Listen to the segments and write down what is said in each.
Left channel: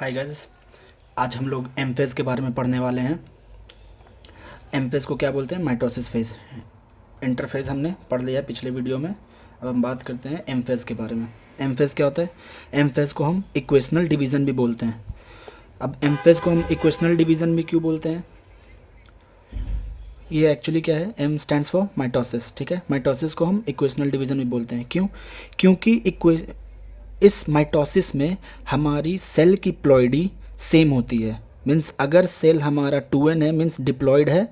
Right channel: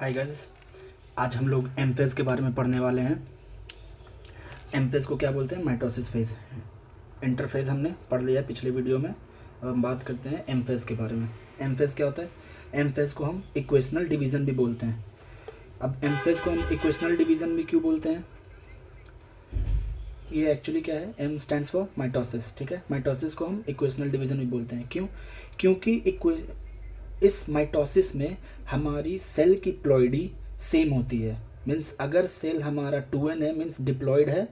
Hi guys, आज हम लोग एम फेज़ के बारे में पढ़ने वाले हैं। एम फेज़ को क्या बोलते हैं? Mitosis phase. इंटरफेज़ हमने पढ़ लिया पिछले वीडियो में। अब हम बात करते हैं एम फेज़ के बारे में। एम फेज़ क्या होता है? एम फेज़ को हम इक्वेशनल डिवीज़न भी बोलते हैं। अब एम फेज़ को हम इक्वेशनल डिवीज़न भी क्यों बोलते हैं? ये एक्चुअली क्या है? एम स्टैंड्स फॉर माइटोसिस, ठीक है। माइटोसिस को हम इक्वेशनल डिवीज़न भी बोलते हैं। क्यों? क्योंकि इस माइटोसिस में हमारी सेल की प्लॉइडी सेम होती है। मीन्स अगर सेल हमारा 2n है, मीन्स डिप्लॉयड है,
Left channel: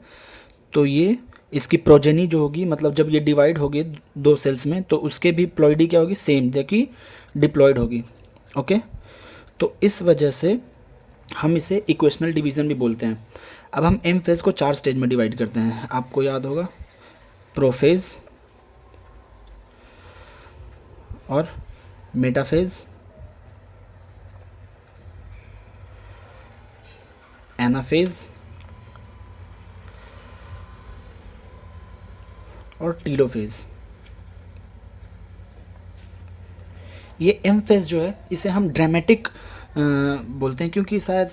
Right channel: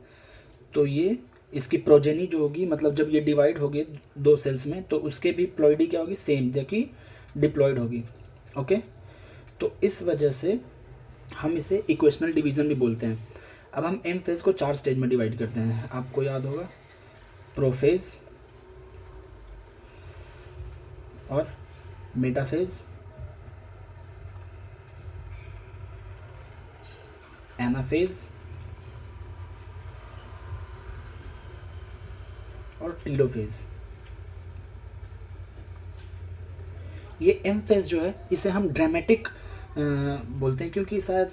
तो ये इसकी प्रोजेनी जो होगी, मतलब जब ये डिवाइड होगी दो सेल्स में, तो उसके भी प्लॉइडी क्या होगी? सेम, जो कि डिप्लॉयड होगी। ओके, तो इस वजह से हम इसे इक्वेशनल डिवीज़न भी बोलते हैं। अब हम एम फेज़ को 4 स्टेज में डिवाइड करते हैं। आपको याद होगा, प्रोफेज़ और मेटाफेज़, एनाफेज़ और टीलोफेज़। ये एम फेज़ जो है, इसे हम ड्रामेटिक बोलते हैं, क्योंकि शायद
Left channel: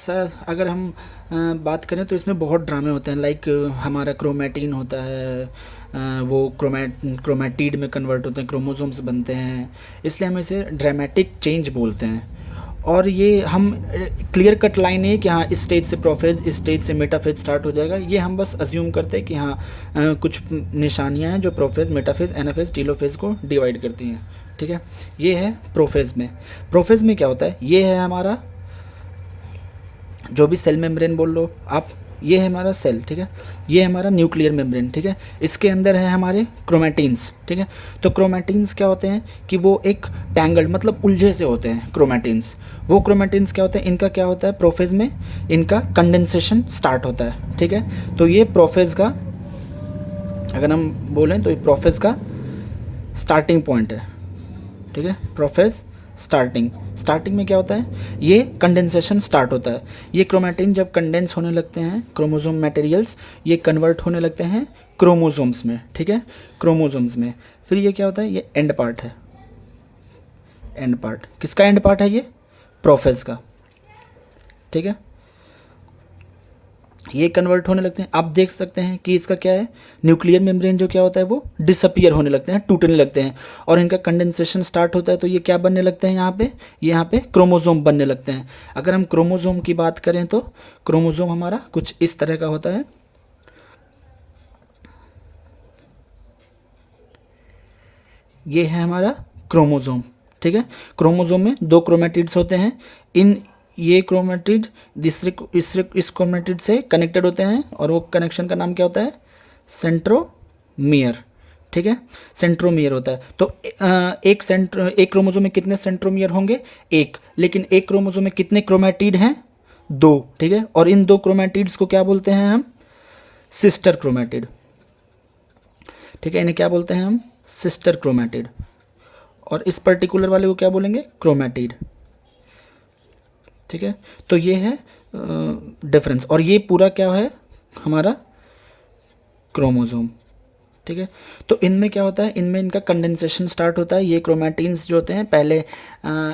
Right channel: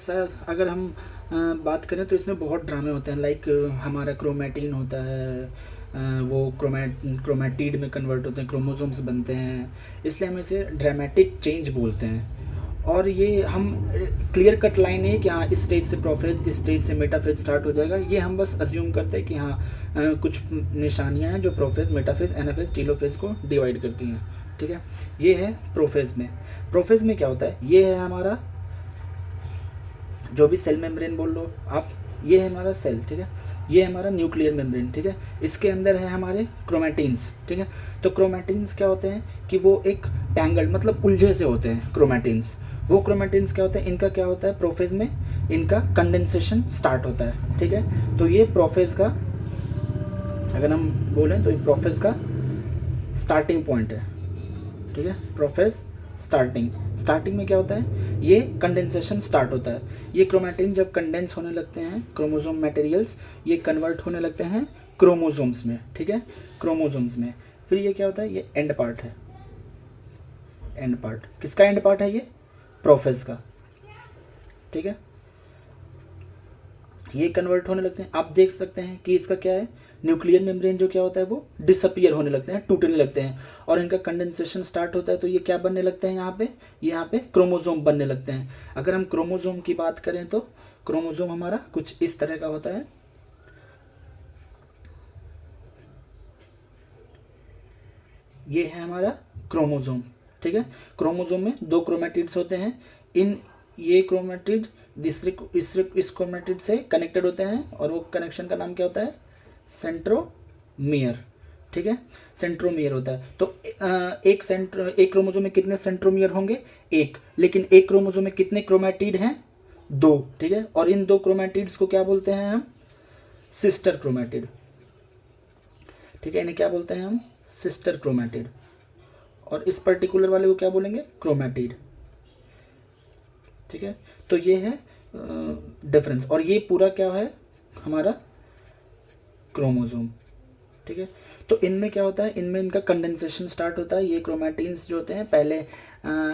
अगर हम बात करें तो इसमें बहुत ड्रामे होते हैं। लाइक हमारा क्रोमेटिन होता है, वो क्रोमेटिड में कन्वर्ट होते हैं, क्रोमोसोम्स बनते हैं, इसलिए हम इसे ड्रामेटिक चेंज बोलते हैं। और ये हम क्लियर कट लाइन है कि हाँ, इस स्टेज से प्रोफेज, इस स्टेज से मेटाफेज स्टार्ट हो जाएगा, ये हम बस अज्यूम करते हैं कि हाँ, कुछ निशानियाँ हैं जो प्रोफेज, मेटाफेज, एनाफेज, टीलोफेज को डिवाइड करती हैं, ठीक है। ये है प्रोफेज में। प्रोफेज में क्या होता है? ये है हमारा जो भी सेल मेम्ब्रेन बोल लो आप, ये है हमारा सेल, ठीक है। ये है हमारा न्यूक्लियर मेम्ब्रेन, ठीक है। इसके अंदर है हमारे क्रोमेटिन्स, ठीक है। तो क्रोमेटिन्स क्या होते हैं कि वो एक टैंगल्ड, मतलब उलझे से होते हैं क्रोमेटिन्स। वो क्रोमेटिन्स क्या होते हैं? इनका क्या होता है? प्रोफेज में इनका कंडेंसेशन स्टार्ट होता है, ठीक है। तो ये प्रोफेज का, अगर हम बोलें तो ये प्रोफेज का स्टार्टिंग पॉइंट है, ठीक है। प्रोफेज स्टार्टिंग में क्या होता है? ये कंडेंसेशन स्टार्ट होता है। ये क्रोमेटिन जब कंडेंस होने लगते हैं, क्रोमोसोम मटेरियल्स, ये कन्वर्ट होने लगते हैं क्रोमोसोम्स में, ठीक है, क्रोमोसोम्स में। फिर ये क्या होता है? ये एंड पार्ट है। एंड पार्ट किसका एंड पार्ट है? ये प्रोफेज का, ठीक है। ये कन्वर्ट होने लगते हैं। आप देख सकते हैं कि इसका क्या है? न्यूक्लियर मेम्ब्रेन जो क्या होता है, वो डिसअपियर होने लगते हैं, टूटने लगते हैं, और इनका कंडेंसेशन स्टार्ट होता है। तो ये क्या बनने लगते हैं यहाँ पे? यहाँ पे क्रोमोसोम बनने लगते हैं। अगर हम क्रोमोसोम की बात करें तो क्रोमोसोम हमारा कुछ इस तरह का होता है। ये है हमारा क्रोमोसोम, ठीक है। क्रोमोसोम में 2 क्रोमेटिड्स होते हैं। ये क्रोमेटिड इस क्रोमेटिड से कनेक्टेड होते हैं, और वो कनेक्शन का नाम क्या होता है? सेंट्रोमियर, ठीक है। सेंट्रोमियर होता है। तो एक क्रोमोसोम में कितने सेंट्रोमियर होंगे? एक। लेकिन एक क्रोमोसोम में कितने क्रोमेटिड हैं? 2, ठीक है। और इन 2 क्रोमेटिड्स को क्या बोलते हैं हम? सिस्टर क्रोमेटिड, ठीक है। इन्हें क्या बोलते हैं हम? Sister chromatid. और इस पर्टिकुलर वाले को क्या बोलेंगे? क्रोमेटिड, ठीक है। तो ये है डिफरेंस। और ये पूरा क्या है? हमारा क्रोमोसोम, ठीक है। तो इनमें क्या होता है? इनमें इनका कंडेंसेशन स्टार्ट होता है। ये क्रोमेटिन्स जो होते हैं पहले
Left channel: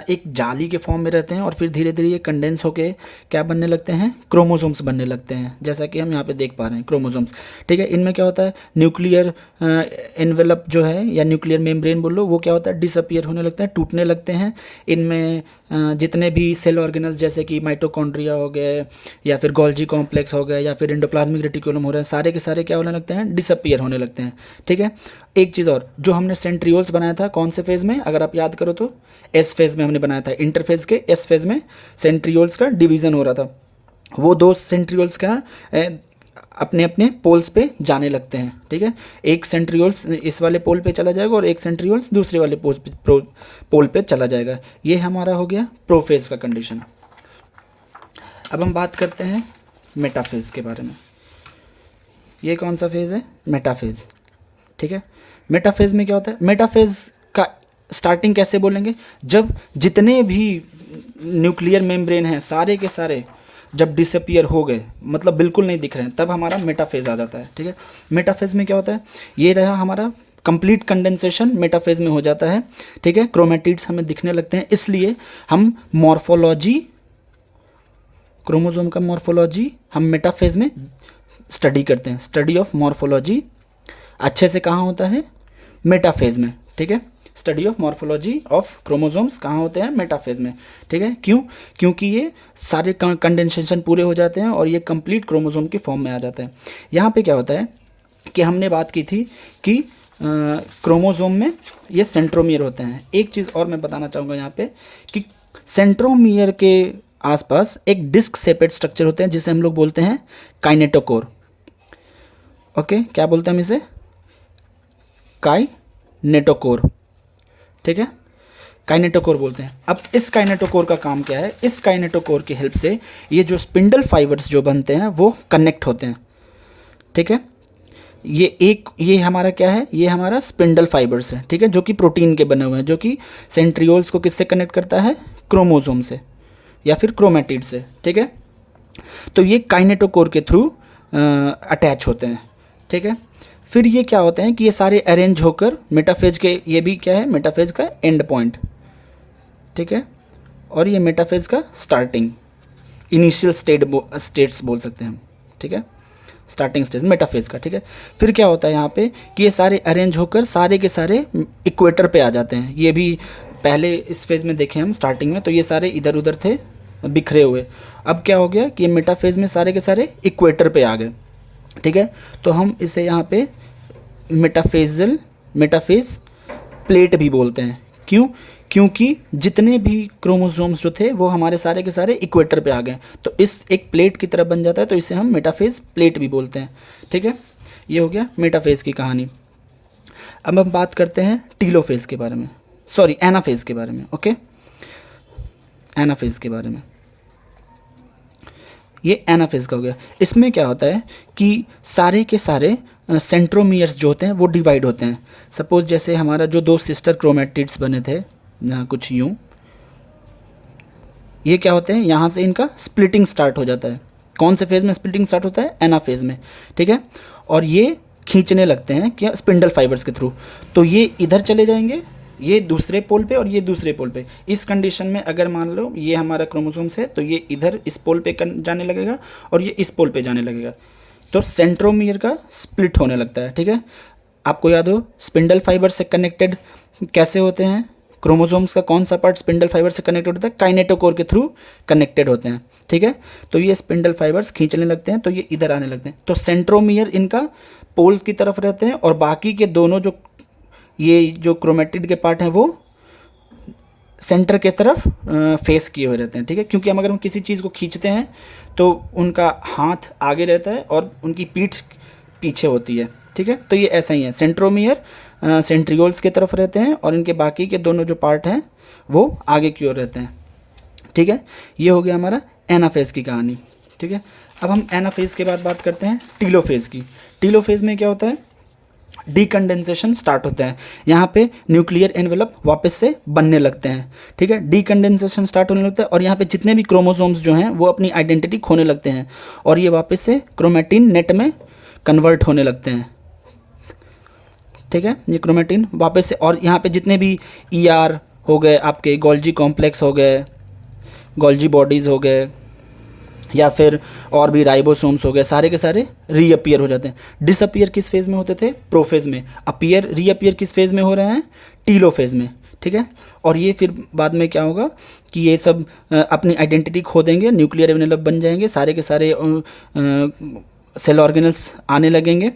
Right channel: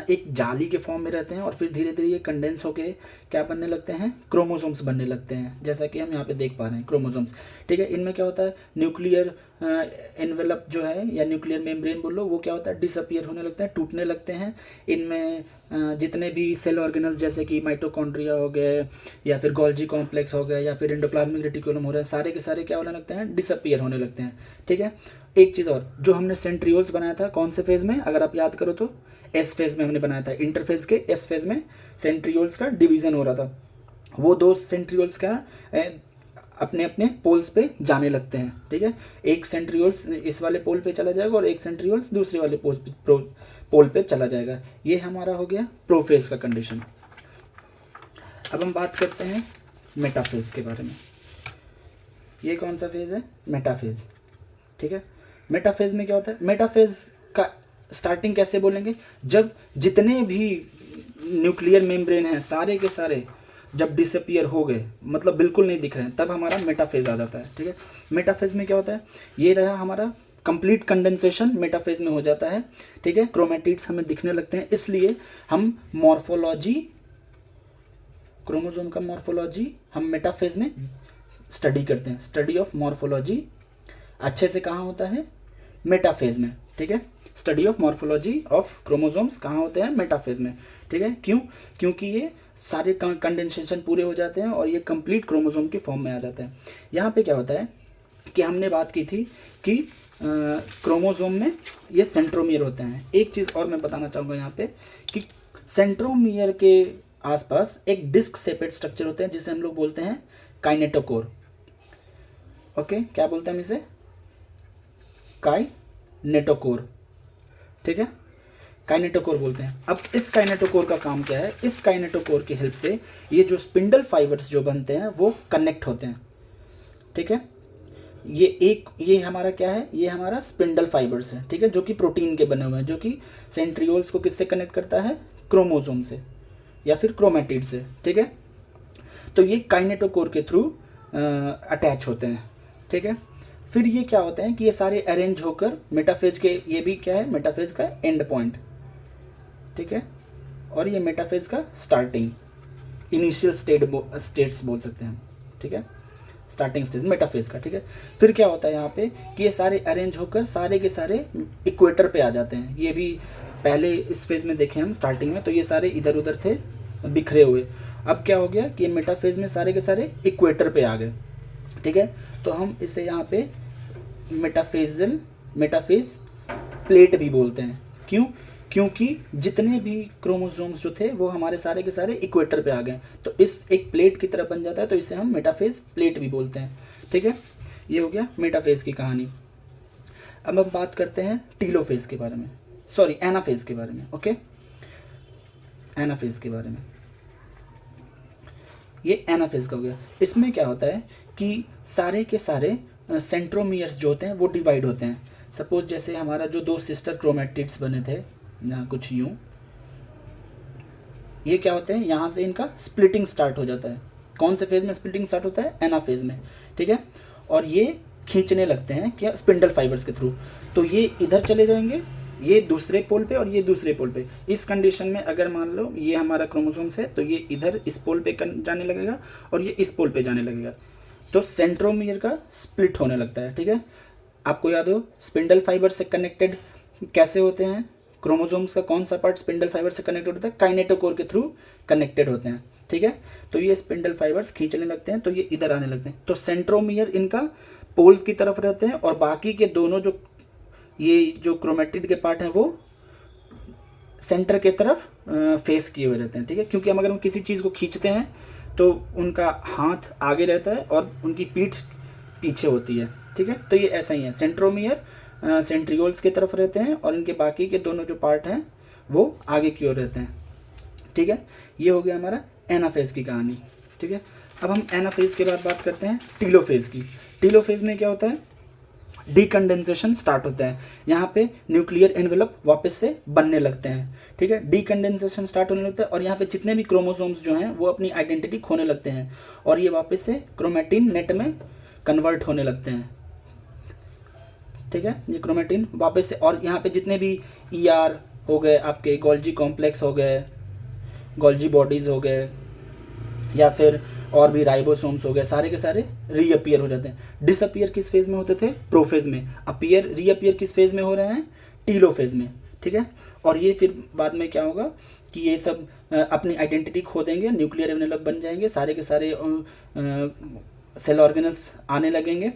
एक जाली के फॉर्म में रहते हैं, और फिर धीरे धीरे ये कंडेंस होके क्या बनने लगते हैं? क्रोमोसोम्स बनने लगते हैं, जैसा कि हम यहाँ पे देख पा रहे हैं, क्रोमोसोम्स, ठीक है। इनमें क्या होता है? न्यूक्लियर एनवेलप जो है, या न्यूक्लियर मेम्ब्रेन बोल लो, वो क्या होता है? डिसअपियर होने लगते हैं, टूटने लगते हैं। इनमें जितने भी सेल ऑर्गेनल्स, जैसे कि माइटोकॉन्ड्रिया हो गए, या फिर गोल्जी कॉम्प्लेक्स हो गए, या फिर एंडोप्लाज्मिक रेटिकुलम हो रहे हैं, सारे के सारे क्या होने लगते हैं? डिसअपियर होने लगते हैं, ठीक है। एक चीज़ और, जो हमने सेंट्रियोल्स बनाया था, कौन से फेज़ में? अगर आप याद करो तो एस फेज़ में हमने बनाया था। इंटरफेज़ के एस फेज़ में सेंट्रियोल्स का डिवीज़न हो रहा था। वो 2 सेंट्रियोल्स का अपने अपने पोल्स पे जाने लगते हैं, ठीक है। एक सेंट्रियोल्स इस वाले पोल पे चला जाएगा, और एक सेंट्रियोल्स दूसरे वाले पोल पे चला जाएगा। ये हमारा हो गया प्रोफेज़ का कंडीशन। अब हम बात करते हैं मेटाफेज़ के बारे में। ये कौन सा फेज़ है? मेटाफेज़, ठीक है। मेटाफेज़ में क्या होता है? मेटाफेज़ का स्टार्टिंग कैसे बोलेंगे? जब जितने भी न्यूक्लियर मेम्ब्रेन हैं, सारे के सारे जब डिसअपियर हो गए, मतलब बिल्कुल नहीं दिख रहे हैं, तब हमारा मेटाफेज़ आ जाता है, ठीक है। मेटाफेज़ में क्या होता है? ये रहा हमारा कंप्लीट कंडेंसेशन मेटाफेज़ में हो जाता है, ठीक है। क्रोमेटिड्स हमें दिखने लगते हैं, इसलिए हम मॉर्फोलॉजी क्रोमोसोम का मॉर्फोलॉजी हम मेटाफेज में स्टडी करते हैं। स्टडी ऑफ मॉर्फोलॉजी अच्छे से कहाँ होता है? मेटाफेज में, ठीक है। Study of morphology of chromosomes कहाँ होते हैं? मेटाफेज में, ठीक है। क्यों? क्योंकि ये सारे कंडेंसेशन पूरे हो जाते हैं और ये कंप्लीट क्रोमोसोम की फॉर्म में आ जाता है। यहाँ पे क्या होता है कि हमने बात की थी कि क्रोमोसोम में ये सेंट्रोमियर होते हैं। एक चीज़ और मैं बताना चाहूँगा यहाँ पे कि सेंट्रोमियर के आसपास एक डिस्क शेपेड स्ट्रक्चर होते हैं जिसे हम लोग बोलते हैं काइनेटोकोर। ओके, क्या बोलते हैं हम इसे? काइनेटोकोर, ठीक है, काइनेटोकोर बोलते हैं। अब इस काइनेटोकोर का काम क्या है? इस काइनेटोकोर की हेल्प से ये जो स्पिंडल फाइबर्स जो बनते हैं वो कनेक्ट होते हैं, ठीक है। ये हमारा क्या है? ये हमारा स्पिंडल फाइबर्स है, ठीक है, जो कि प्रोटीन के बने हुए हैं, जो कि सेंट्रियोल्स को किससे कनेक्ट करता है? क्रोमोसोम से या फिर क्रोमेटिड से, ठीक है। तो ये काइनेटोकोर के थ्रू अटैच होते हैं, ठीक है। फिर ये क्या होते हैं कि ये सारे अरेंज होकर मेटाफेज के, ये भी क्या है? मेटाफेज का एंड पॉइंट, ठीक है, और ये मेटाफेज का स्टार्टिंग, इनिशियल स्टेट्स बोल सकते हैं हम, ठीक है, स्टार्टिंग स्टेज मेटाफेज का, ठीक है। फिर क्या होता है यहाँ पे कि ये सारे अरेंज होकर सारे के सारे इक्वेटर पे आ जाते हैं। ये भी पहले इस फेज़ में देखे हम स्टार्टिंग में, तो ये सारे इधर उधर थे बिखरे हुए। अब क्या हो गया कि ये मेटाफेज में सारे के सारे इक्वेटर पे आ गए, ठीक है। तो हम इसे यहाँ पे मेटाफेज प्लेट भी बोलते हैं। क्यों? क्योंकि जितने भी क्रोमोसोम्स जो थे वो हमारे सारे के सारे इक्वेटर पे आ गए, तो इस एक प्लेट की तरह बन जाता है, तो इसे हम मेटाफेज प्लेट भी बोलते हैं, ठीक है। ये हो गया मेटाफेज की कहानी। अब हम बात करते हैं टीलोफेज के बारे में, सॉरी एनाफेज के बारे में। ओके, एनाफेज के बारे में, ये एनाफेज का हो गया। इसमें क्या होता है कि सारे के सारे सेंट्रोमियर्स जो होते हैं वो डिवाइड होते हैं। सपोज जैसे हमारा जो दो सिस्टर क्रोमेटिड्स बने थे कुछ यूँ, ये क्या होते हैं? यहाँ से इनका स्प्लिटिंग स्टार्ट हो जाता है। कौन से फेज़ में स्प्लिटिंग स्टार्ट होता है? एनाफेज में, ठीक है। और ये खींचने लगते हैं क्या? स्पिंडल फाइबर्स के थ्रू। तो ये इधर चले जाएंगे, ये दूसरे पोल पे और ये दूसरे पोल पे। इस कंडीशन में अगर मान लो ये हमारा क्रोमोसोम्स है, तो ये इधर इस पोल पे जाने लगेगा और ये इस पोल पे जाने लगेगा, तो सेंट्रोमियर का स्प्लिट होने लगता है, ठीक है। आपको याद हो स्पिंडल फाइबर से कनेक्टेड कैसे होते हैं? क्रोमोसोम्स का कौन सा पार्ट स्पिंडल फाइबर से कनेक्टेड होता है? काइनेटोकोर के थ्रू कनेक्टेड होते हैं, ठीक है। तो ये स्पिंडल फाइबर्स खींचने लगते हैं, तो ये इधर आने लगते हैं, तो सेंट्रोमियर इनका पोल्स की तरफ रहते हैं और बाकी के दोनों जो ये जो क्रोमेटिड के पार्ट हैं वो सेंटर के तरफ फेस किए हुए रहते हैं, ठीक है। क्योंकि हम अगर हम किसी चीज़ को खींचते हैं तो उनका हाथ आगे रहता है और उनकी पीठ पीछे होती है, ठीक है। तो ये ऐसा ही है, सेंट्रोमियर सेंट्रियोल्स की तरफ रहते हैं और इनके बाकी के दोनों जो पार्ट हैं वो आगे की ओर रहते हैं, ठीक है। ये हो गया हमारा एनाफेज की कहानी, ठीक है। अब हम एनाफेज के बाद बात करते हैं टीलोफेज की। टीलोफेज में क्या होता है? डीकंडेंसेशन स्टार्ट होता है। यहाँ पे न्यूक्लियर एनवेलप वापस से बनने लगते हैं, ठीक है। डीकंडेंसेशन स्टार्ट होने लगता है और यहाँ पे जितने भी क्रोमोसोम्स जो हैं वो अपनी आइडेंटिटी खोने लगते हैं और ये वापस से क्रोमेटिन नेट में कन्वर्ट होने लगते हैं, ठीक है। ये क्रोमेटिन वापस से, और यहाँ पे जितने भी ER हो गए, आपके गोल्जी कॉम्प्लेक्स हो गए, गोल्जी बॉडीज़ हो गए, या फिर और भी राइबोसोम्स हो गए, सारे के सारे रीअपियर हो जाते हैं। डिसअपियर किस फेज़ में होते थे? प्रोफेज में। रीअपियर किस फेज़ में हो रहे हैं? टीलोफेज में, ठीक है। और ये फिर बाद में क्या होगा कि ये सब अपनी आइडेंटिटी खो देंगे, न्यूक्लियर एनवेलप बन जाएंगे, सारे के सारे सेल ऑर्गेनल्स आने लगेंगे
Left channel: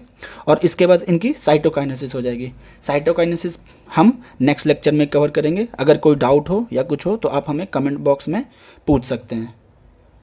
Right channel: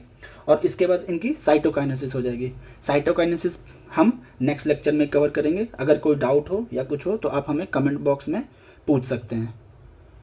और इसके बाद इनकी साइटोकाइनेसिस हो जाएगी। साइटोकाइनेसिस हम नेक्स्ट लेक्चर में कवर करेंगे। अगर कोई डाउट हो या कुछ हो तो आप हमें कमेंट बॉक्स में पूछ सकते हैं।